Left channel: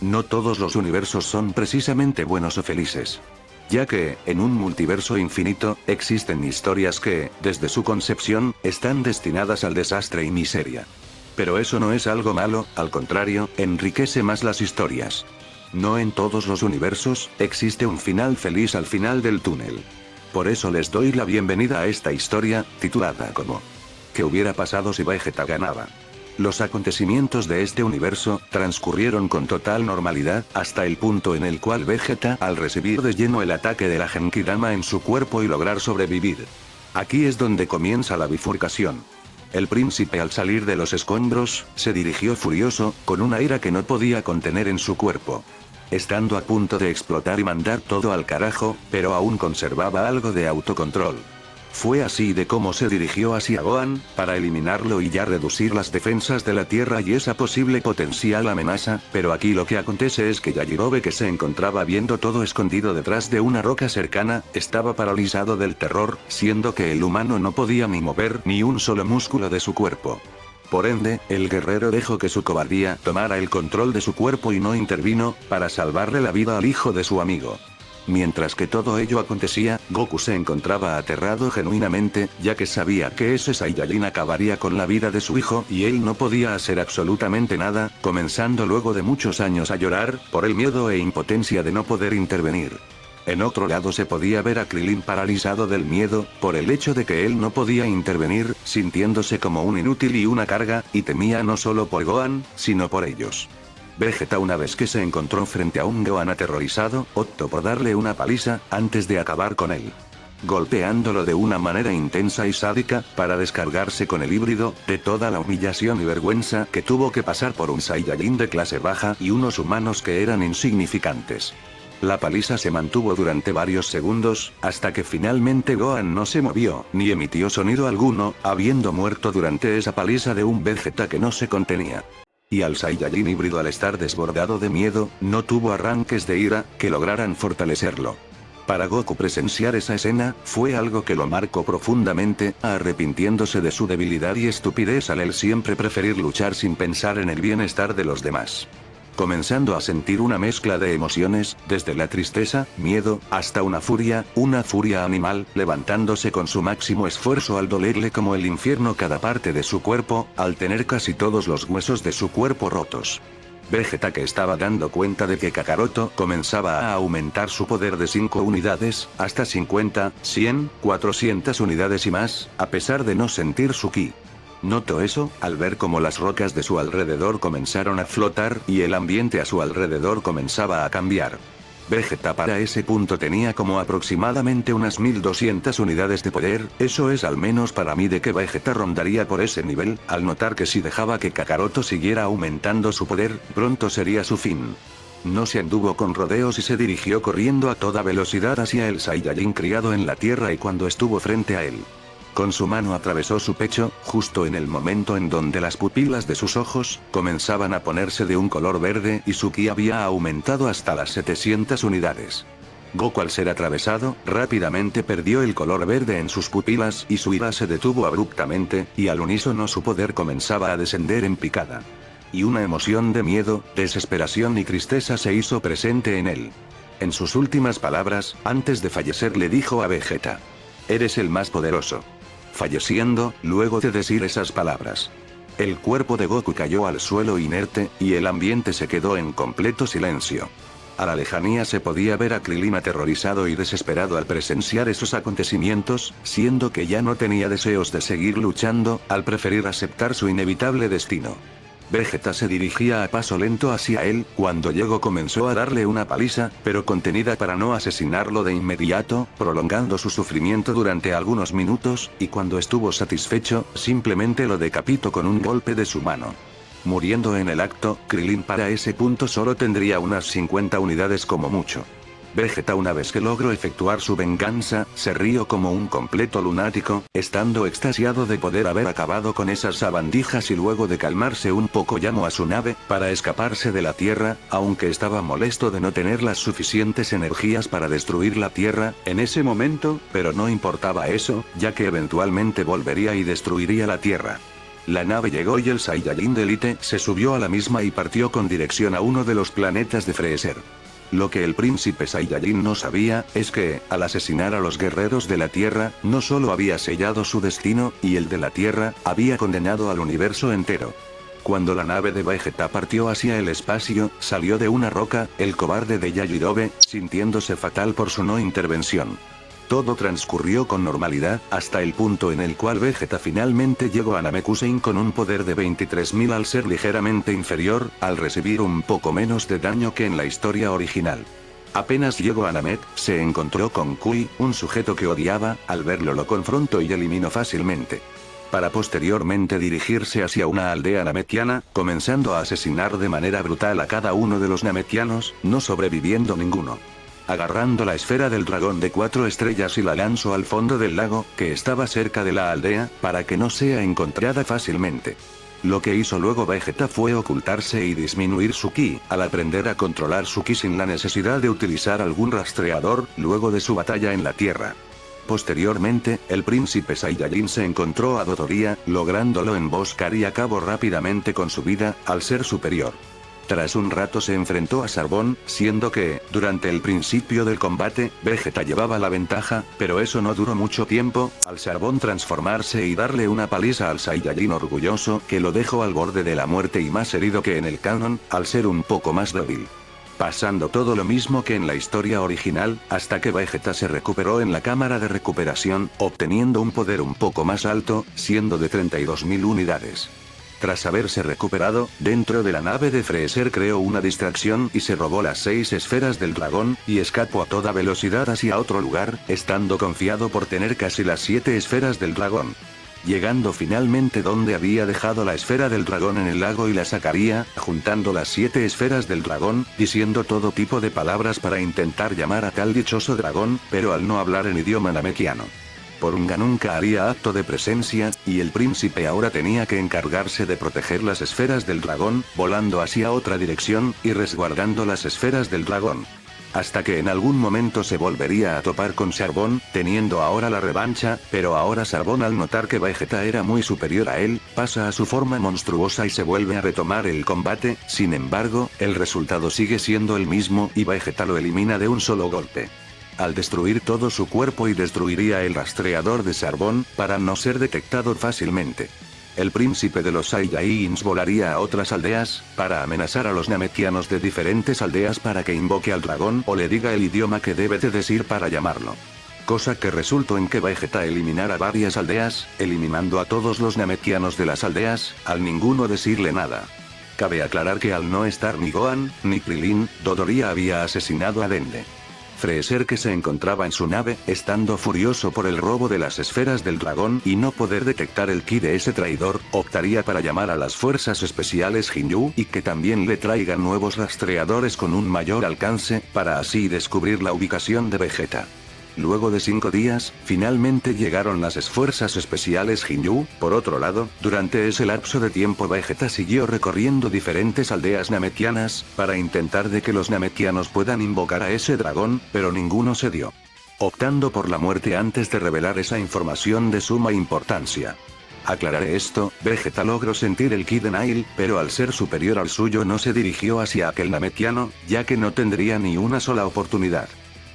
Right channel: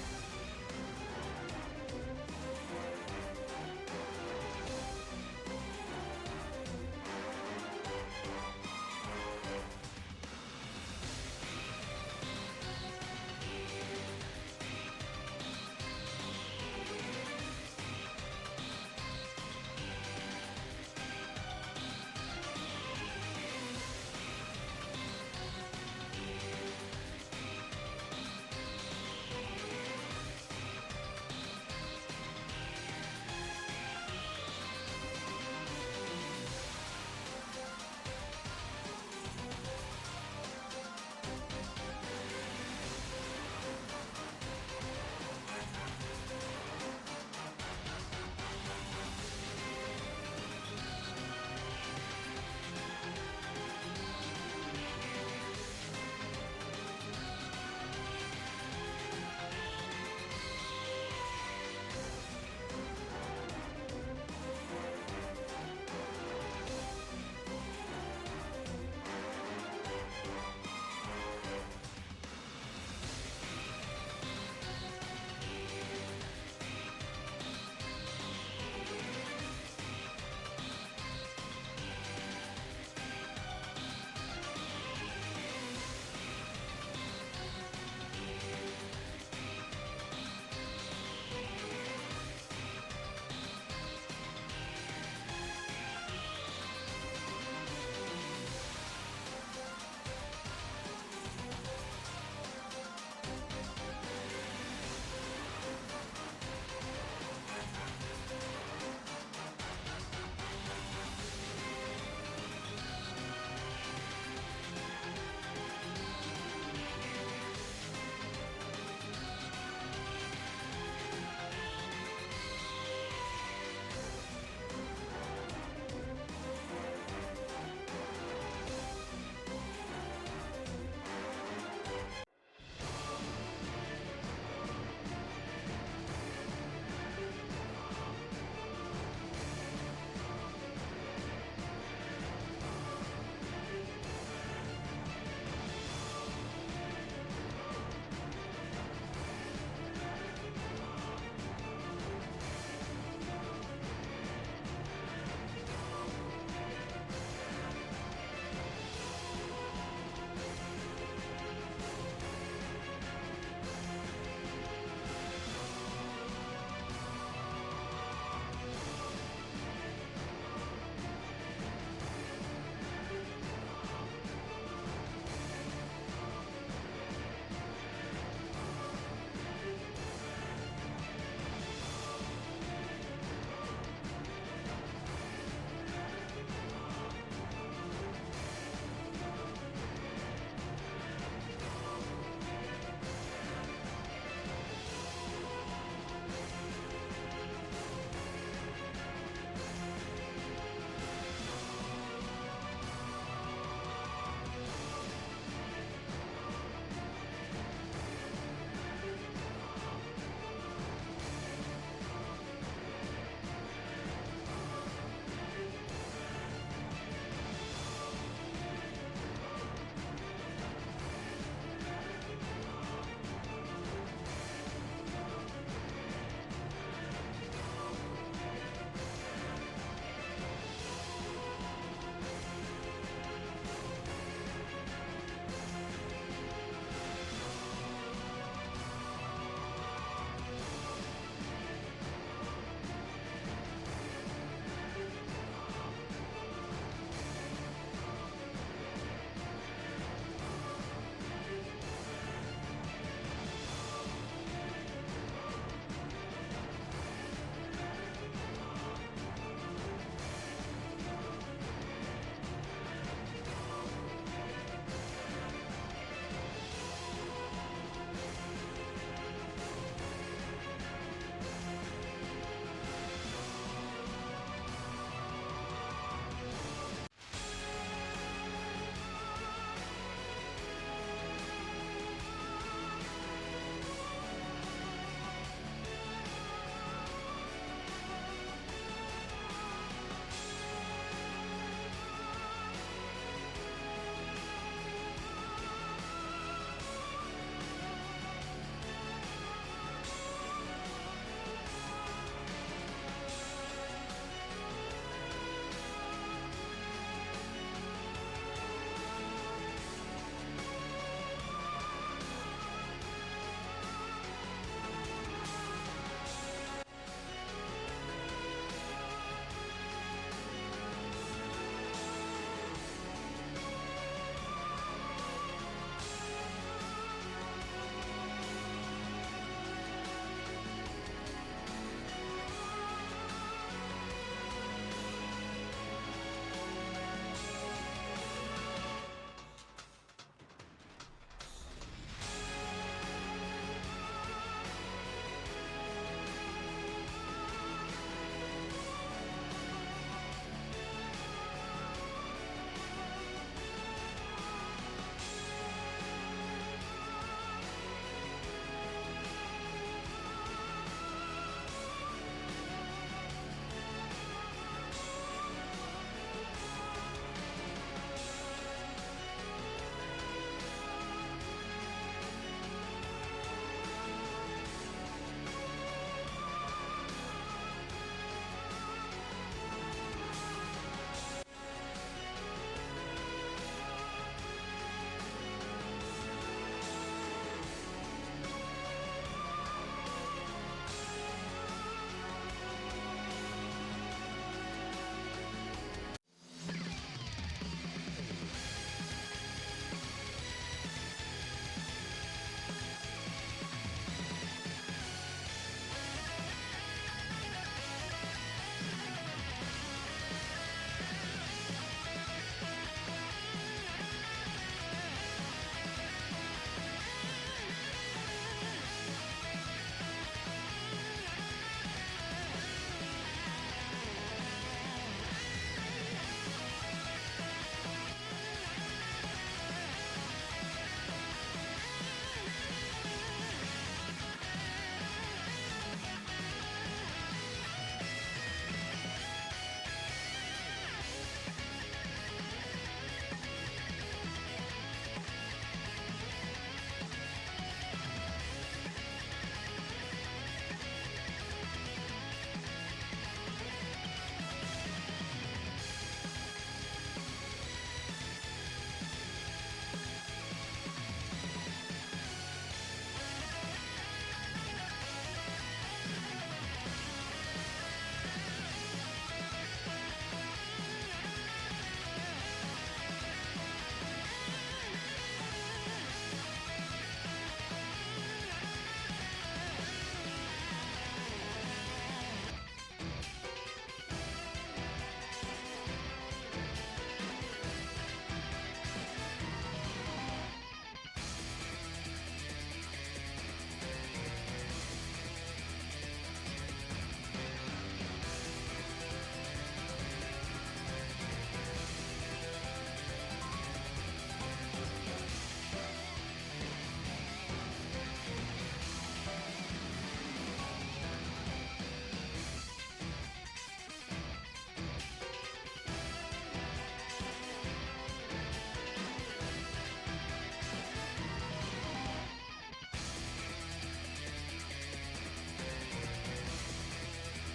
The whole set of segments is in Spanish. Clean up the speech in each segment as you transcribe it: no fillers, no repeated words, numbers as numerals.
No todos los universos son precisamente buenos o felices. Ya que, en un multiverso infinito, existen historias que, desde su concepción, están destinadas al desastre y miseria. Pero eso no es algo malo, al contrario, enriquece más las historias. No en todos los universos, existe un final feliz al final del túnel. Por eso les doy la bienvenida a esta historia, titulada como ¿Qué hubiera pasado si Vegeta ganaba? Los acontecimientos de este universo transcurrieron con total normalidad, hasta el punto en el cual Vegeta, al recibir de lleno el ataque de la Genkidama en su cuerpo y lograr sobrevivir. Aquí es donde comienza la bifurcación. El príncipe, al salir de los escombros, se dirigió furioso, con una ira que no podía contener en su cuerpo. Estando a punto de explotar y mandar todo al carajo, pero aún conservaba algo de autocontrol. Fue así de cómo se dirigió hacia Gohan, para eliminarlo y ya reducir las defensas de la Tierra y esa posible potencial amenaza, pero aquí lo que acontece es que Yajirobe, que se encontraba viendo todo escondido detrás de una roca cercana, estaba paralizado del terror, siendo que el humano no podía ni mover ni un solo músculo de su cuerpo. Por ende, el guerrero dejó que su cobardía tomara el control de su cuerpo y no intervino, para salvarle la vida al hijo de su amigo. Mientras que todo ello acontecía, Goku se encontraba aterrado genuinamente, ya que sabía que ese Saiyajin acabaría con la vida de su hijo y él no podía hacer absolutamente nada, comenzando luego de muchos años a llorar, por el miedo e impotencia de no poder intervenir. En otro lado se podía ver a Krillin paralizado del miedo, por el hecho de que él no podía intervenir, sintiéndose como un inútil y una carga, y temía no solo por Gohan, sino por ellos. Vegeta, una vez que se encontró frente a un Gohan aterrorizado, optó por darle una paliza, antes de acabar con él. Golpeándolo de una manera intensa y sádica, para descargarse con el híbrido, de toda la humillación y vergüenza que tuvo que pasar por un Saiyajin de clase baja y unos humanos que eran insignificantes. La paliza se mantuvo durante varios segundos, hasta que finalmente Gohan no se movió, ni emitió sonido alguno, habiendo muerto durante esa paliza de un Vegeta que no se contenía. Y al Saiyajin híbrido, al estar desbordado de miedo, no tuvo arranques de ira, que lograran fortalecerlo. Para Goku presenciar esa escena, fue algo que lo marcó profundamente, arrepintiéndose de su debilidad y estupidez al él siempre preferir luchar sin pensar en el bienestar de los demás. Comenzando a sentir una mezcla de emociones, desde la tristeza, miedo, hasta una furia animal, levantándose con su máximo esfuerzo al dolerle como el infierno cada parte de su cuerpo, al tener casi todos los huesos de su cuerpo rotos. Vegeta, que estaba dando cuenta de que Kakaroto comenzaba a aumentar su poder de 5 unidades, hasta 50, 100, 400 unidades y más, a pesar de no sentir su ki. Notó eso, al ver cómo las rocas de su alrededor comenzaron a flotar, y el ambiente a su alrededor comenzaba a cambiar. Vegeta para ese punto tenía como aproximadamente unas 1200 unidades de poder, eso es al menos para mí de que Vegeta rondaría por ese nivel, al notar que si dejaba que Kakaroto siguiera aumentando su poder, pronto sería su fin. No se anduvo con rodeos y se dirigió corriendo a toda velocidad hacia el Saiyajin criado en la tierra, y cuando estuvo frente a él, con su mano atravesó su pecho, justo en el momento en donde las pupilas de sus ojos comenzaban a ponerse de un color verde y su ki había aumentado hasta las 700 unidades. Goku, al ser atravesado, rápidamente perdió el color verde en sus pupilas y su ira se detuvo abruptamente, y al unísono su poder comenzaba a descender en picada. Y una emoción de miedo, desesperación y tristeza se hizo presente en él. En sus últimas palabras, antes de fallecer, le dijo a Vegeta: "Eres el más poderoso". Falleciendo, luego de decir esas palabras, el cuerpo de Goku cayó al suelo inerte, y el ambiente se quedó en completo silencio. A la lejanía se podía ver a Krillin aterrorizado y desesperado al presenciar esos acontecimientos, siendo que ya no tenía deseos de seguir luchando, al preferir aceptar su inevitable destino. Vegeta se dirigía a paso lento hacia él, cuando llegó comenzó a darle una paliza, pero contenida para no asesinarlo de inmediato, prolongando su sufrimiento durante algunos minutos, y cuando estuvo satisfecho, simplemente lo decapitó con un golpe de su mano. Muriendo en el acto, Krillin para ese punto solo tendría unas 50 unidades como mucho. Vegeta, una vez que logró efectuar su venganza, se rió como un completo lunático, estando extasiado de poder haber acabado con esas sabandijas, y luego de calmarse un poco llamó a su nave, para escaparse de la Tierra, aunque estaba molesto de no tener las suficientes energías para destruir la Tierra en ese momento, pero no importaba eso, ya que eventualmente volvería y destruiría la Tierra. La nave llegó y el Saiyajin de élite se subió a la misma y partió con dirección a uno de los planetas de Freezer. Lo que el príncipe Saiyajin no sabía, es que, al asesinar a los guerreros de la Tierra, no solo había sellado su destino, y el de la Tierra, había condenado al universo entero. Cuando la nave de Vegeta partió hacia el espacio, salió de una roca, el cobarde de Yajirobe, sintiéndose fatal por su no intervención. Todo transcurrió con normalidad, hasta el punto en el cual Vegeta finalmente llegó a Namekusein con un poder de 23.000 al ser ligeramente inferior, al recibir un poco menos de daño que en la historia original. Apenas llegó a Namek, se encontró con Kui, un sujeto que odiaba, al verlo lo confrontó y eliminó fácilmente. Para posteriormente dirigirse hacia una aldea namekiana, comenzando a asesinar de manera brutal a cada uno de los namekianos, no sobreviviendo ninguno. Agarrando la esfera del dragón de 4 estrellas y la lanzó al fondo del lago, que estaba cerca de la aldea, para que no sea encontrada fácilmente. Lo que hizo luego Vegeta fue ocultarse y disminuir su ki, al aprender a controlar su ki sin la necesidad de utilizar algún rastreador, luego de su batalla en la Tierra. Posteriormente, el príncipe Saiyajin se encontró a Dodoria, lográndolo emboscar y acabó rápidamente con su vida, al ser superior. Tras un rato se enfrentó a Sarbón, siendo que, durante el principio del combate, Vegeta llevaba la ventaja, pero eso no duró mucho tiempo, al Sarbón transformarse y darle una paliza al Saiyajin orgulloso, que lo dejó al borde de la muerte y más herido que en el canon, al ser un poco más débil. Pasando todo lo mismo que en la historia original, hasta que Vegeta se recuperó en la cámara de recuperación, obteniendo un poder un poco más alto, siendo de 32.000 unidades. Tras haberse recuperado, dentro de la nave de Freezer creó una distracción y se robó las 6 esferas del dragón, y escapó a toda velocidad hacia otro lugar, estando confiado por tener casi las 7 esferas del dragón. Llegando finalmente donde había dejado la esfera del dragón en el lago y la sacaría, juntando las 7 esferas del dragón, diciendo todo tipo de palabras para intentar llamar a tal dichoso dragón, pero al no hablar en idioma namekiano. Porunga nunca haría acto de presencia, y el príncipe ahora tenía que encargarse de proteger las esferas del dragón, volando hacia otra dirección, y resguardando las esferas del dragón. Hasta que en algún momento se volvería a topar con Sarbón, teniendo ahora la revancha, pero ahora Sarbón al notar que Vegeta era muy superior a él, pasa a su forma monstruosa y se vuelve a retomar el combate, sin embargo, el resultado sigue siendo el mismo y Vegeta lo elimina de un solo golpe. Al destruir todo su cuerpo y destruiría el rastreador de Sarbón, para no ser detectado fácilmente. El príncipe de los Saiyajins volaría a otras aldeas, para amenazar a los namekianos de diferentes aldeas para que invoque al dragón o le diga el idioma que debe de decir para llamarlo. Cosa que resultó en que Vegeta eliminara varias aldeas, eliminando a todos los namekianos de las aldeas, al ninguno decirle nada. Cabe aclarar que al no estar ni Gohan, ni Krillin, Dodoria había asesinado a Dende. Freezer, que se encontraba en su nave, estando furioso por el robo de las esferas del dragón y no poder detectar el ki de ese traidor, optaría para llamar a las fuerzas especiales Ginyu y que también le traigan nuevos rastreadores con un mayor alcance, para así descubrir la ubicación de Vegeta. Luego de 5 días, finalmente llegaron las fuerzas especiales Ginyu. Por otro lado, durante ese lapso de tiempo Vegeta siguió recorriendo diferentes aldeas namekianas, para intentar de que los namekianos puedan invocar a ese dragón, pero ninguno se dio. Optando por la muerte antes de revelar esa información de suma importancia. Aclararé esto, Vegeta logró sentir el ki de Nail, pero al ser superior al suyo no se dirigió hacia aquel namekiano, ya que no tendría ni una sola oportunidad.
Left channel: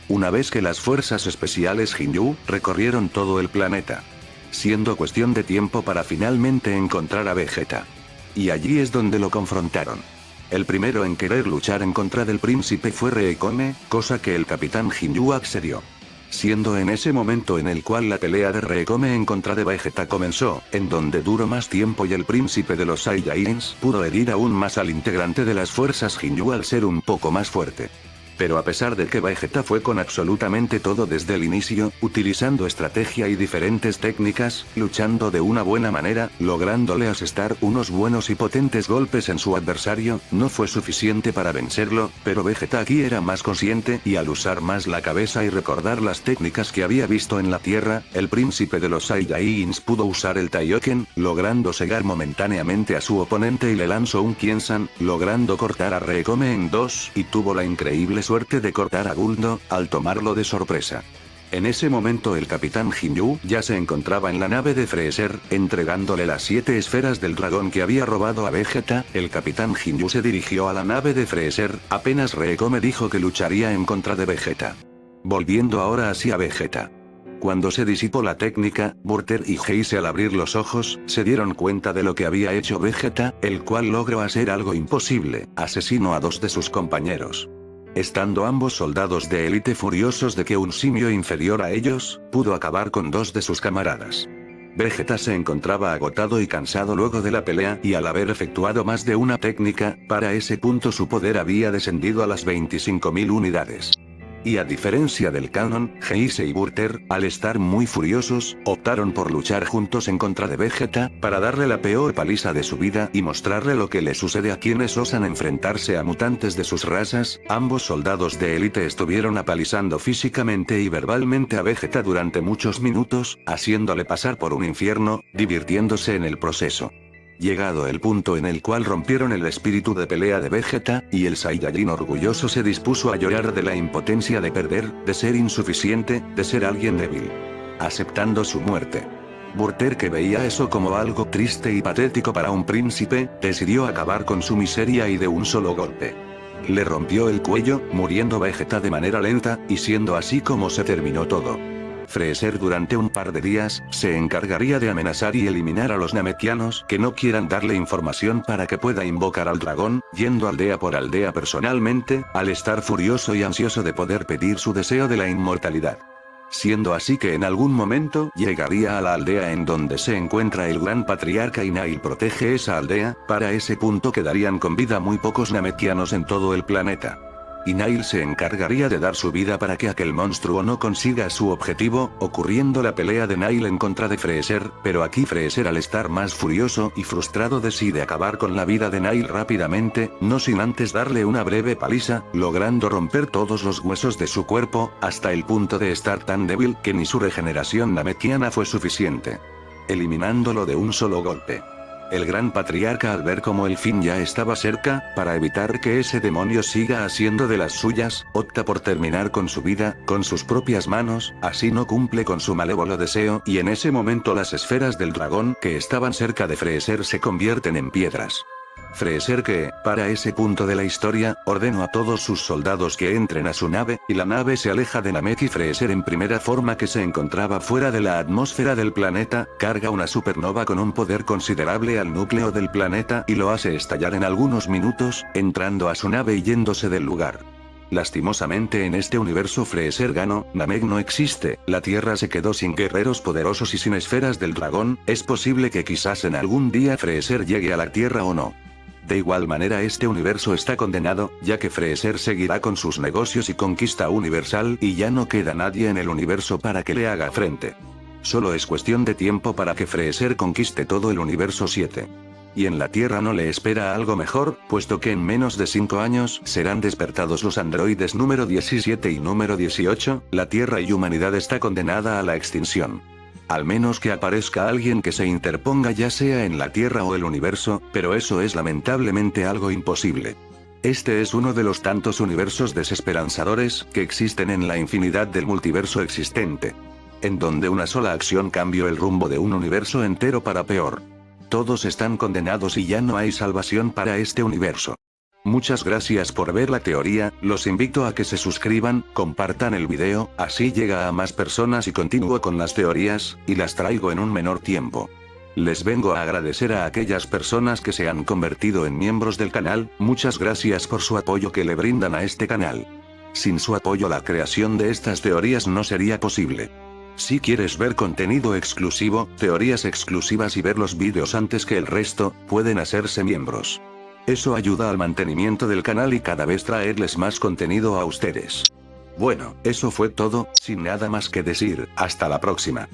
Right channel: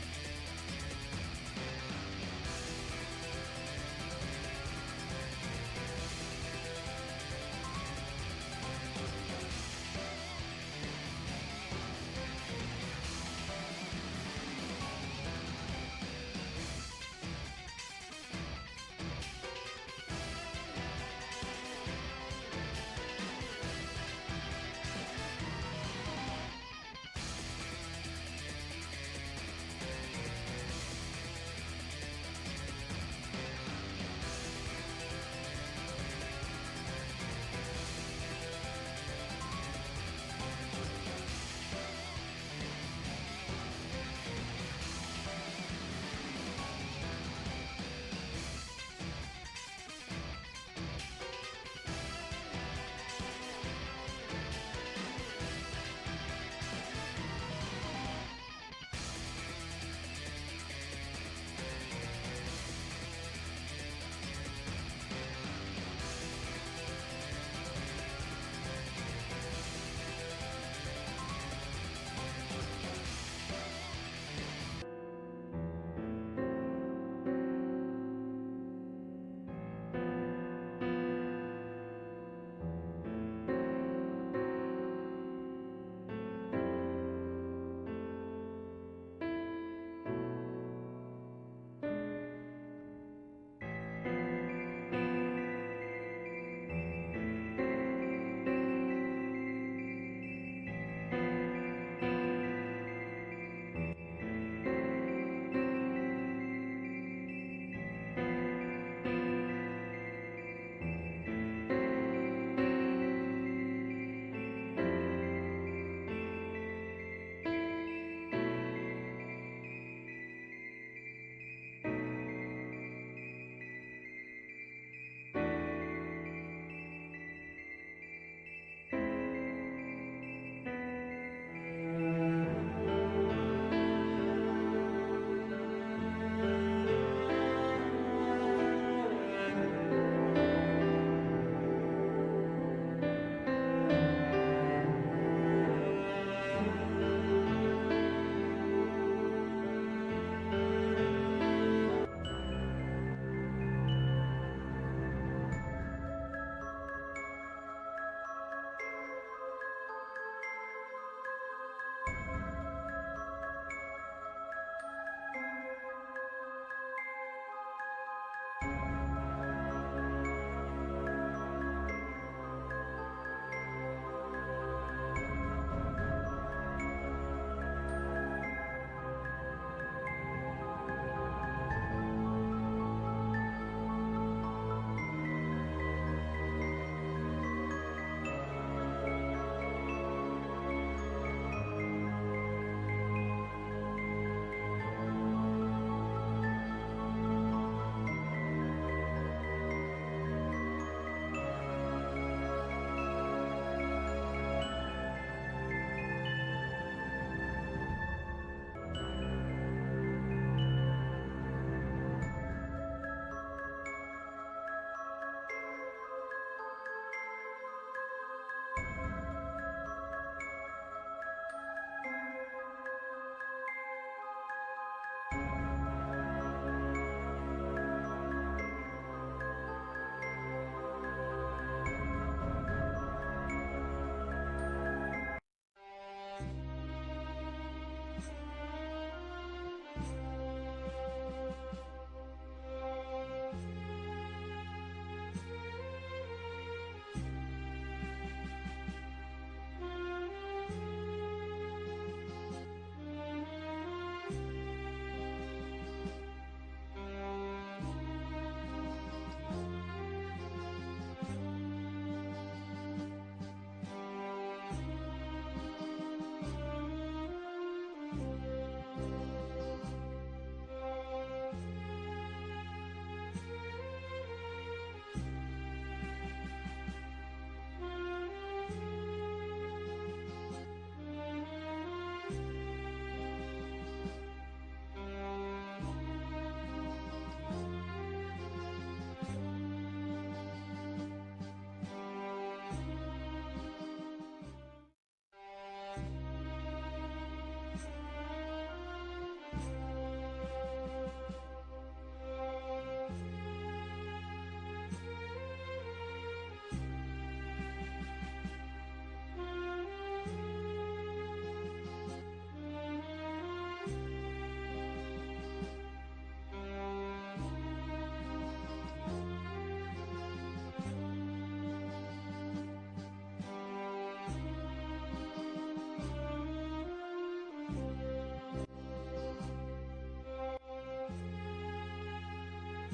Una vez que las fuerzas especiales Ginyu recorrieron todo el planeta, siendo cuestión de tiempo para finalmente encontrar a Vegeta. Y allí es donde lo confrontaron. El primero en querer luchar en contra del príncipe fue Reikome, cosa que el capitán Ginyu accedió. Siendo en ese momento en el cual la pelea de Reikome en contra de Vegeta comenzó, en donde duró más tiempo y el príncipe de los Saiyajins pudo herir aún más al integrante de las fuerzas Ginyu al ser un poco más fuerte. Pero a pesar de que Vegeta fue con absolutamente todo desde el inicio, utilizando estrategia y diferentes técnicas, luchando de una buena manera, lográndole asestar unos buenos y potentes golpes en su adversario, no fue suficiente para vencerlo, pero Vegeta aquí era más consciente y al usar más la cabeza y recordar las técnicas que había visto en la Tierra, el príncipe de los Saiyajins pudo usar el Taioken, logrando cegar momentáneamente a su oponente y le lanzó un Kiensan, logrando cortar a Reikome en 2, y tuvo la increíble suerte de cortar a Guldo, al tomarlo de sorpresa. En ese momento el capitán Ginyu ya se encontraba en la nave de Freezer, entregándole las 7 esferas del dragón que había robado a Vegeta. El capitán Ginyu se dirigió a la nave de Freezer, apenas Recoome dijo que lucharía en contra de Vegeta. Volviendo ahora hacia Vegeta. Cuando se disipó la técnica, Burter y Heise al abrir los ojos, se dieron cuenta de lo que había hecho Vegeta, el cual logró hacer algo imposible, asesinó a 2 de sus compañeros. Estando ambos soldados de élite furiosos de que un simio inferior a ellos, pudo acabar con 2 de sus camaradas. Vegeta se encontraba agotado y cansado luego de la pelea y al haber efectuado más de una técnica, para ese punto su poder había descendido a las 25.000 unidades. Y a diferencia del canon, Heise y Burter, al estar muy furiosos, optaron por luchar juntos en contra de Vegeta, para darle la peor paliza de su vida y mostrarle lo que le sucede a quienes osan enfrentarse a mutantes de sus razas. Ambos soldados de élite estuvieron apalizando físicamente y verbalmente a Vegeta durante muchos minutos, haciéndole pasar por un infierno, divirtiéndose en el proceso. Llegado el punto en el cual rompieron el espíritu de pelea de Vegeta, y el Saiyajin orgulloso se dispuso a llorar de la impotencia de perder, de ser insuficiente, de ser alguien débil. Aceptando su muerte. Burter, que veía eso como algo triste y patético para un príncipe, decidió acabar con su miseria y de un solo golpe. Le rompió el cuello, muriendo Vegeta de manera lenta, y siendo así como se terminó todo. Freezer durante un par de días, se encargaría de amenazar y eliminar a los Namekianos que no quieran darle información para que pueda invocar al dragón, yendo aldea por aldea personalmente, al estar furioso y ansioso de poder pedir su deseo de la inmortalidad. Siendo así que en algún momento llegaría a la aldea en donde se encuentra el gran patriarca y Nail protege esa aldea. Para ese punto quedarían con vida muy pocos Namekianos en todo el planeta. Y Nail se encargaría de dar su vida para que aquel monstruo no consiga su objetivo, ocurriendo la pelea de Nail en contra de Freezer, pero aquí Freezer, al estar más furioso y frustrado, decide acabar con la vida de Nail rápidamente, no sin antes darle una breve paliza, logrando romper todos los huesos de su cuerpo, hasta el punto de estar tan débil que ni su regeneración namekiana fue suficiente. Eliminándolo de un solo golpe. El gran patriarca, al ver como el fin ya estaba cerca, para evitar que ese demonio siga haciendo de las suyas, opta por terminar con su vida, con sus propias manos, así no cumple con su malévolo deseo, y en ese momento las esferas del dragón que estaban cerca de Freezer se convierten en piedras. Freezer, que, para ese punto de la historia, ordenó a todos sus soldados que entren a su nave, y la nave se aleja de Namek y Freezer en primera forma que se encontraba fuera de la atmósfera del planeta, carga una supernova con un poder considerable al núcleo del planeta y lo hace estallar en algunos minutos, entrando a su nave y yéndose del lugar. Lastimosamente en este universo Freezer ganó, Namek no existe, la Tierra se quedó sin guerreros poderosos y sin esferas del dragón, es posible que quizás en algún día Freezer llegue a la Tierra o no. De igual manera este universo está condenado, ya que Freezer seguirá con sus negocios y conquista universal y ya no queda nadie en el universo para que le haga frente. Solo es cuestión de tiempo para que Freezer conquiste todo el universo 7. Y en la Tierra no le espera algo mejor, puesto que en menos de 5 años serán despertados los androides número 17 y número 18, la Tierra y humanidad está condenada a la extinción. Al menos que aparezca alguien que se interponga ya sea en la Tierra o el universo, pero eso es lamentablemente algo imposible. Este es uno de los tantos universos desesperanzadores que existen en la infinidad del multiverso existente. En donde una sola acción cambió el rumbo de un universo entero para peor. Todos están condenados y ya no hay salvación para este universo. Muchas gracias por ver la teoría, los invito a que se suscriban, compartan el video, así llega a más personas y continúo con las teorías, y las traigo en un menor tiempo. Les vengo a agradecer a aquellas personas que se han convertido en miembros del canal, muchas gracias por su apoyo que le brindan a este canal. Sin su apoyo la creación de estas teorías no sería posible. Si quieres ver contenido exclusivo, teorías exclusivas y ver los vídeos antes que el resto, pueden hacerse miembros. Eso ayuda al mantenimiento del canal y cada vez traerles más contenido a ustedes. Bueno, eso fue todo, sin nada más que decir, hasta la próxima.